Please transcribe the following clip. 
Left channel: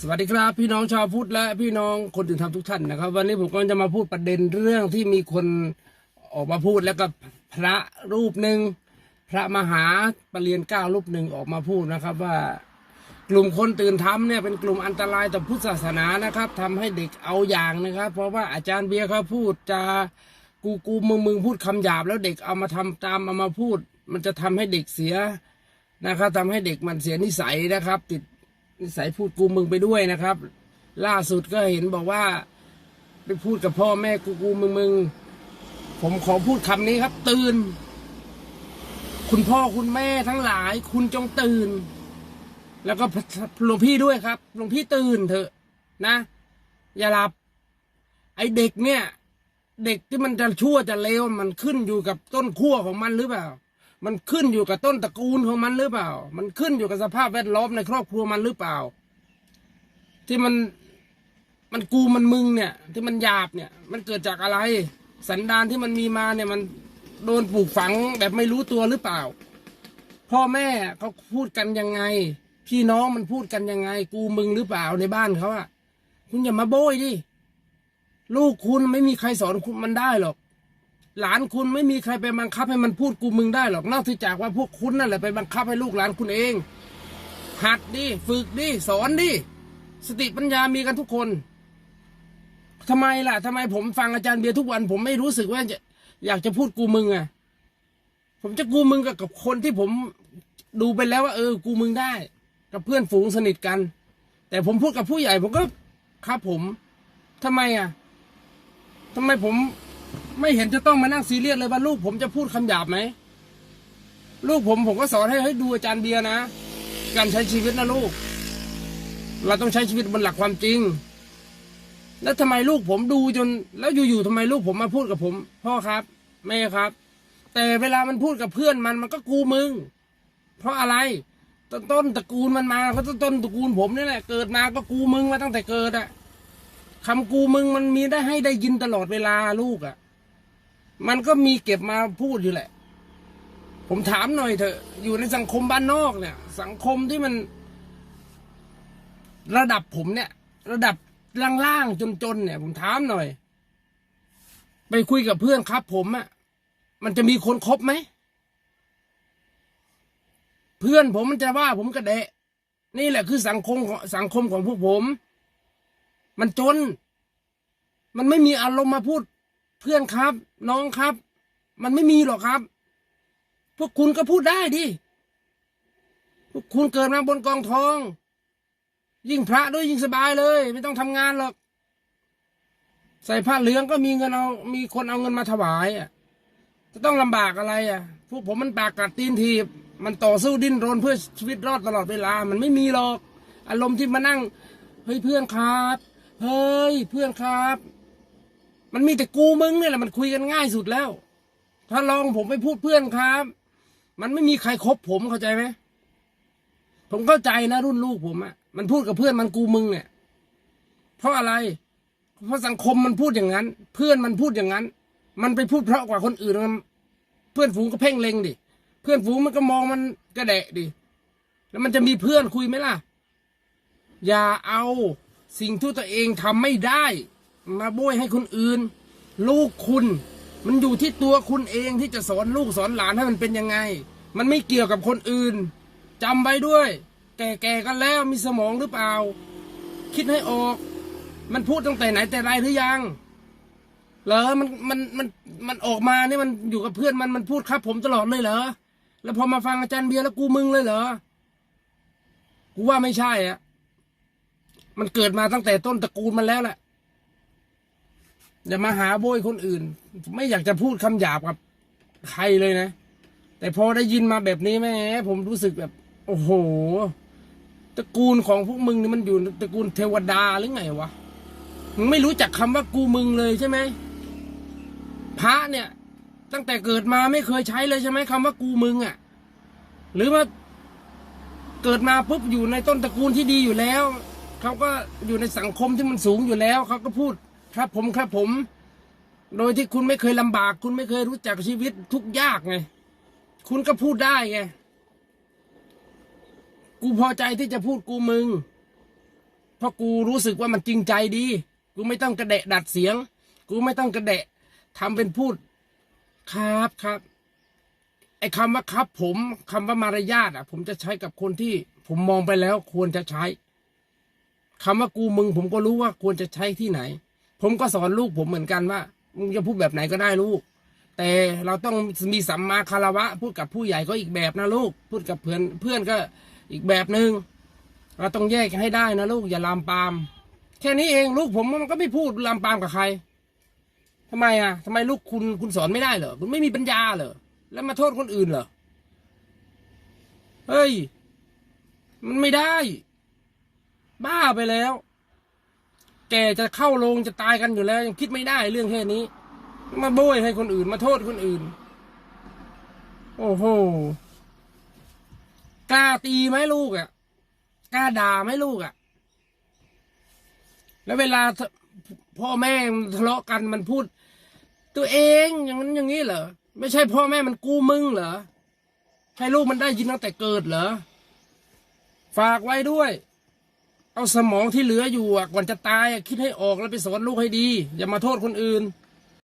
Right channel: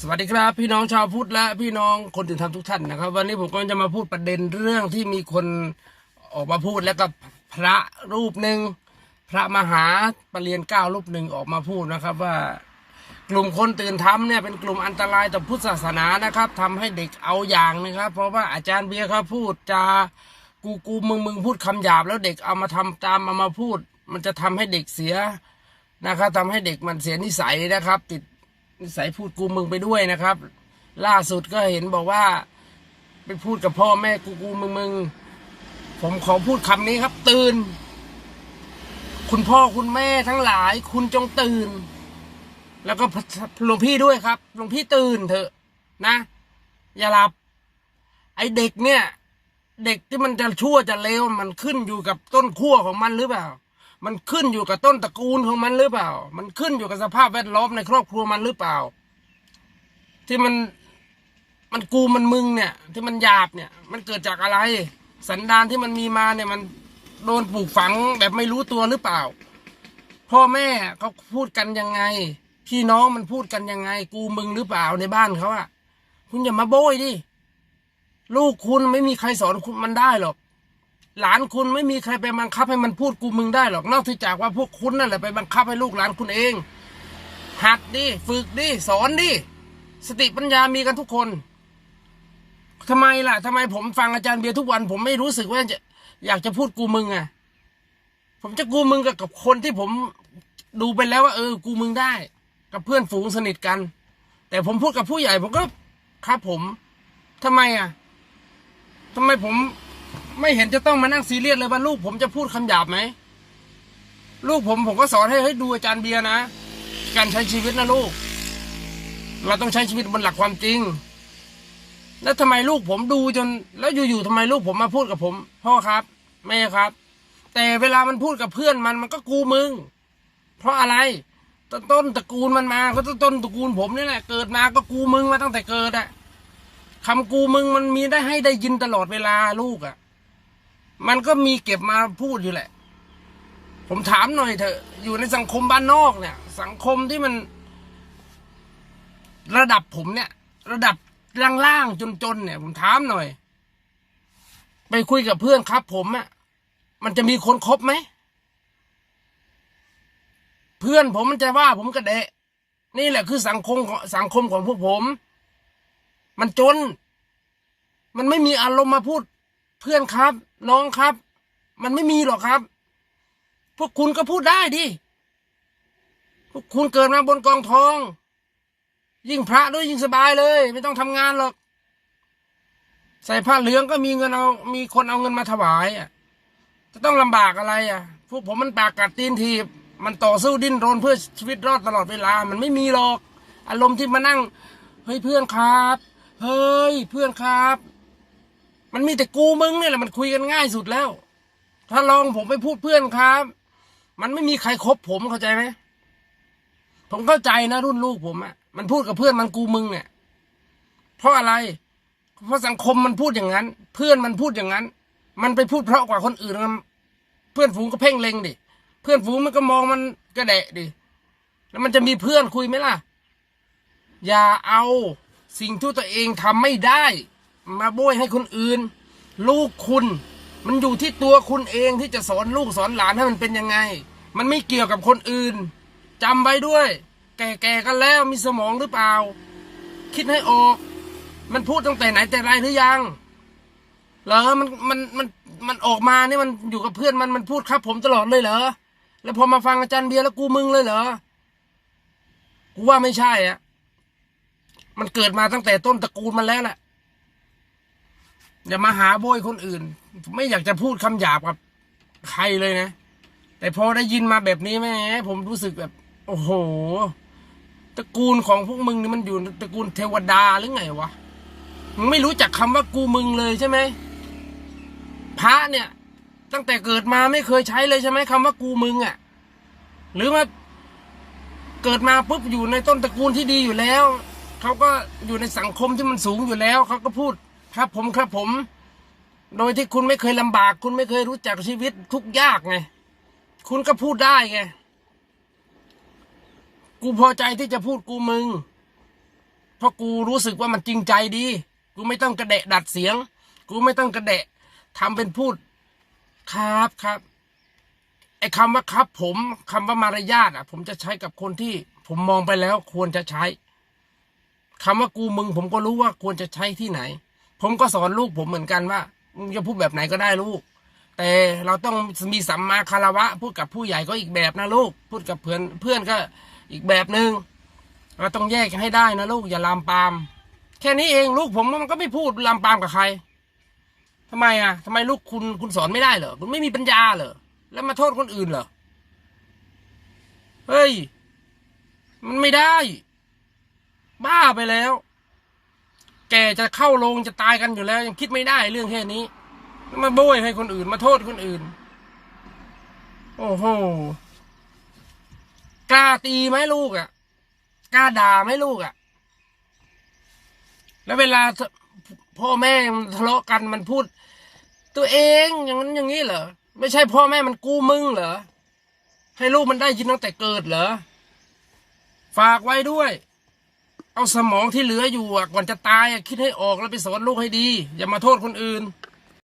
สวัสดีครับ พี่น้องชาวพุทธและพี่น้องคนตื่นทำทุกท่านนะครับ วันนี้ผมก็จะมาพูดประเด็นเรื่องที่มีคนออกมาพูดแล้วก็พระรูปหนึ่งพระมหาปรเริยนเก้ารูปหนึ่งออกมาพูดนะครับว่ากลุ่มคนตื่นทำเนี่ยเป็นกลุ่มอันตรายต่อพุทธศาสนานะครับทำให้เด็กเอาอย่างนะครับ เพราะว่าอาจารย์เบียร์เขาพูดจากูกูมึงมึงพูดคำหยาบ แล้วเด็กเอามาทำตามเอามาพูด มันจะทำให้เด็กเสียนะครับทำให้เด็กมันเสียนิสัยนะครับ ติด นิสัยพูดกูมึงไปด้วยนะครับ ล่าสุดก็เห็นบอกว่า ไปพูดกับพ่อแม่กูกูมึงมึงผมขอพูดคำนี้ครับ ตื่น คุณพ่อคุณแม่ทั้งหลาย คุณจงตื่น แล้วก็หลวงพี่ด้วยครับหลวงพี่ตื่นเถอะ นะ อย่าหลับ ไอเด็กเนี่ย เด็กที่มันจะชั่วจะเลวมันขึ้นอยู่กับต้นขั้วของมันหรือเปล่า มันขึ้นอยู่กับต้นตระกูลของมันหรือเปล่า มันขึ้นอยู่กับสภาพแวดล้อมในครอบครัวมันหรือเปล่า ที่มันมันกูมันมึงเนี่ย ที่มันหยาบเนี่ย มันเกิดจากอะไร สันดานที่มันมีมาเนี่ยมันโดนปลูกฝังแบบไม่รู้ตัวหรือเปล่า พ่อแม่เขาพูดกันยังไง พี่น้องมันพูดกันยังไง กูมึงหรือเปล่าในบ้านเขาอะคุณอย่ามาโบยดิลูกคุณไม่มีใครสอนคุณมันได้หรอก หลานคุณไม่มีใครไปบังคับให้มันพูดกูมึงได้หรอกนอกจากว่าพวกคุณนั่นแหละไปบังคับให้ลูกหลานคุณเอง หัดดิฝึกดิสอนดิสติปัญญามีกันทุกคนทำไมล่ะทำไมผมฟังอาจารย์เบียร์ทุกวัน ผมไม่รู้สึกว่าจะอยากจะพูดกูมึงอะผมจะกูมึงกับกับคนที่ผมดูไปแล้วว่า เออ กูมึงได้ กับเพื่อนฝูงสนิทกัน แต่ผมพูดกับผู้ใหญ่ผมก็ครับผมทำไมอะทำไมผม ไม่เห็นจะต้องมานั่งซีเรียสเลยว่าลูกผมจะพูดคำหยาบไหม ลูกผมผมก็สอนให้ให้ดูอาจารย์เบียร์นะ การใช้ชีวิตนะลูก เราต้องใช้ชีวิตบนหลักความจริง แล้วทำไมลูกผมดูจน แล้วอยู่ๆทำไมลูกผมมาพูดกับผม พ่อครับแม่ครับ แต่เวลามันพูดกับเพื่อนมันมันก็กูมึง เพราะอะไรต้นตระกูลมันมาก็ต้นต้นตระกูลผมนี่แหละเกิดมาก็กูมึงมาตั้งแต่เกิดอะ คำกูมึงมันมีได้ให้ได้ยินตลอดเวลาลูกอะมันก็มีเก็บมาพูดอยู่แหละ ผมถามหน่อยเถอะ อยู่ในสังคมบ้านนอกเนี่ย สังคมที่มัน ระดับผมเนี่ย ระดับล่างๆจนๆเนี่ย ผมถามหน่อย ไปคุยกับเพื่อนครับ ผมอะมันจะมีคนคบไหมเพื่อนผมมันจะว่าผมกระเดะนี่แหละคือสังคมของสังคมของพวกผม มันจน มันไม่มีอารมณ์มาพูด เพื่อนครับ น้องครับ มันไม่มีหรอกครับ พวกคุณก็พูดได้ดิพวกคุณเกิดมาบนกองทอง ยิ่งพระด้วยยิ่งสบายเลย ไม่ต้องทำงานหรอก ใส่ผ้าเหลืองก็มีเงินเอา มีคนเอาเงินมาถวายอะจะต้องลำบากอะไรอะ พวกผมมันปากกัดตีนทีบ มันต่อสู้ดิ้นรนเพื่อชีวิตรอดตลอดเวลา มันไม่มีหรอก อารมณ์ที่มานั่ง เฮ้ยเพื่อนครับ เฮ้ยเพื่อนครับ มันมีแต่กูมึงเนี่ยแหละมันคุยกันง่ายสุดแล้ว ถ้าลองผมไปพูดเพื่อนครับ มันไม่มีใครครบผมเข้าใจไหมผมเข้าใจนะรุ่นลูกผมอะมันพูดกับเพื่อนมันกูมึงเนี่ย เพราะอะไร เพราะสังคมมันพูดอย่างนั้น เพื่อนมันพูดอย่างนั้น มันไปพูดเพราะกว่าคนอื่นเพื่อนฝูงก็เพ่งเล็งดิเพื่อนฝูงมันก็มองมันกระแดะดิแล้วมันจะมีเพื่อนคุยไหมล่ะ อย่าเอา สิ่งที่ตัวเองทำไม่ได้ มาโบยให้คนอื่น ลูกคุณ มันอยู่ที่ตัวคุณเองที่จะสอนลูกสอนหลานให้มันเป็นยังไง มันไม่เกี่ยวกับคนอื่นจำไว้ด้วย แก่ๆกันแล้วมีสมองหรือเปล่า คิดให้ออก มันพูดตั้งแต่ไหนแต่ไรหรือยังเหรอมันมันมันมันออกมาเนี่ยมันอยู่กับเพื่อนมันมันพูดครับ ผมตลอดเลยเหรอแล้วพอมาฟังอาจารย์เบียร์แล้วกูมึงเลยเหรอกูว่าไม่ใช่อะ มันเกิดมาตั้งแต่ต้นตระกูลมันแล้วแหละอย่ามาหาโบยคนอื่น ไม่อยากจะพูดคำหยาบกับใครเลยนะ แต่พอได้ยินมาแบบนี้แม่ผมรู้สึกแบบ โอ้โห ตระกูลของพวกมึงนี่มันอยู่ตระกูลเทวดาหรือไงวะมึงไม่รู้จักคำว่ากูมึงเลยใช่ไหมพระเนี่ย ตั้งแต่เกิดมาไม่เคยใช้เลยใช่ไหมคำว่ากูมึงอะ่ะ หรือว่าเกิดมาปุ๊บอยู่ในต้นตระกูลที่ดีอยู่แล้ว เขาก็อยู่ในสังคมที่มันสูงอยู่แล้ว เขาก็พูดครับผมครับผม โดยที่คุณไม่เคยลำบาก คุณไม่เคยรู้จักชีวิตทุกยากไง คุณก็พูดได้ไง กูพอใจที่จะพูดกูมึง เพราะกูรู้สึกว่ามันจริงใจดี กูไม่ต้องกระเดะดัดเสียง กูไม่ต้องกระเดะทำเป็นพูด ครับครับไอ้คำว่าครับผมคำว่ามารยาทอะ ผมจะใช้กับคนที่ผมมองไปแล้วควรจะใช้ คำว่ากูมึง ผมก็รู้ว่าควรจะใช้ที่ไหน ผมก็สอนลูกผมเหมือนกันว่ามึงจะพูดแบบไหนก็ได้ลูก แต่เราต้องมีสัมมาคารวะ พูดกับผู้ใหญ่ก็อีกแบบนะลูก พูดกับเพื่อนเพื่อนก็อีกแบบหนึ่งเราต้องแยกให้ได้นะลูกอย่าลามปาม แค่นี้เองลูกผมมันก็ไม่พูดลามปามกับใครทำไมอะทำไมลูกคุณคุณสอนไม่ได้เหรอคุณไม่มีปัญญาเหรอแล้วมาโทษคนอื่นเหรอเฮ้ย มันไม่ได้ บ้าไปแล้ว แกจะเข้าโรงจะตายกันอยู่แล้ว ยังคิดไม่ได้เรื่องแค่นี้ มาโบยให้คนอื่นมาโทษคนอื่น โอ้โหกล้าตีไหมลูกอะกล้าด่าไหมลูกอะ แล้วเวลาพ่อแม่ทะเลาะกันมันพูด ตัวเองอย่างนั้นอย่างนี้เหรอไม่ใช่พ่อแม่มันกู้มึงเหรอให้ลูกมันได้ยินตั้งแต่เกิดเหรอ ฝากไว้ด้วย เอาสมองที่เหลืออยู่อะก่อนจะตายอะคิดให้ออกแล้วไปสอนลูกให้ดี อย่ามาโทษคนอื่น